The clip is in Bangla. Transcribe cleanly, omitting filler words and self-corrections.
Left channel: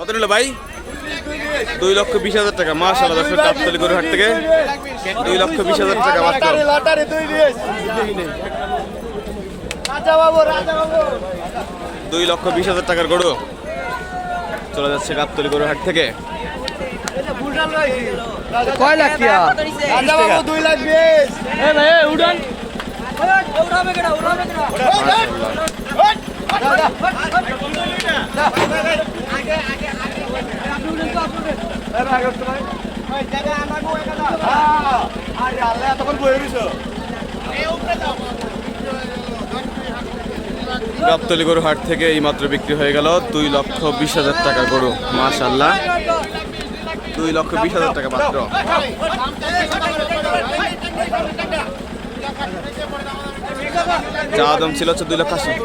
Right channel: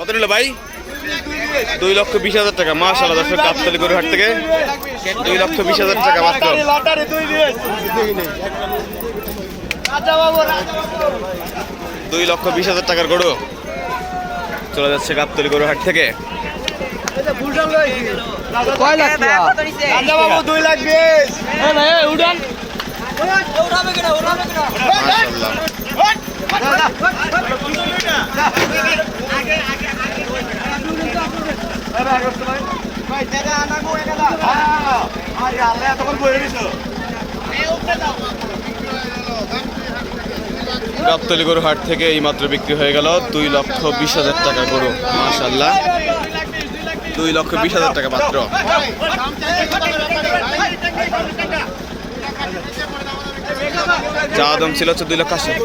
কত নিল ভাই? 2,20,000 টাকা। মাশাআল্লাহ দর্শক, গাবতলী গরুর হাট থেকে 2,20,000 টাকা মাত্র। 2,20,000 টাকার গরু চলে যাচ্ছে গাবতলী গরুর হাট থেকে। কয় লাখ টাকা? রাজা বাবু 2,20,000। এই ভাই উড়ান। উড়াবে কেডা? উড়াবে কেডা? মাশাআল্লাহ। আগে আগে আগে এই ভাই করতে ভাই। ভাই জায়গা আনাগো একাদা। হ্যাঁ আরে আল্লাহ তখন বইরে দিছো। এই উপরে দাও। গাবতলী গরুর হাট থেকে এই মাত্র বিক্রি হয়ে গেল 2,20,000 টাকা গরু। মাশাআল্লাহ, 2,20,000 টাকা মাত্র। যা দাম ছিল হচ্ছে 2,80,000।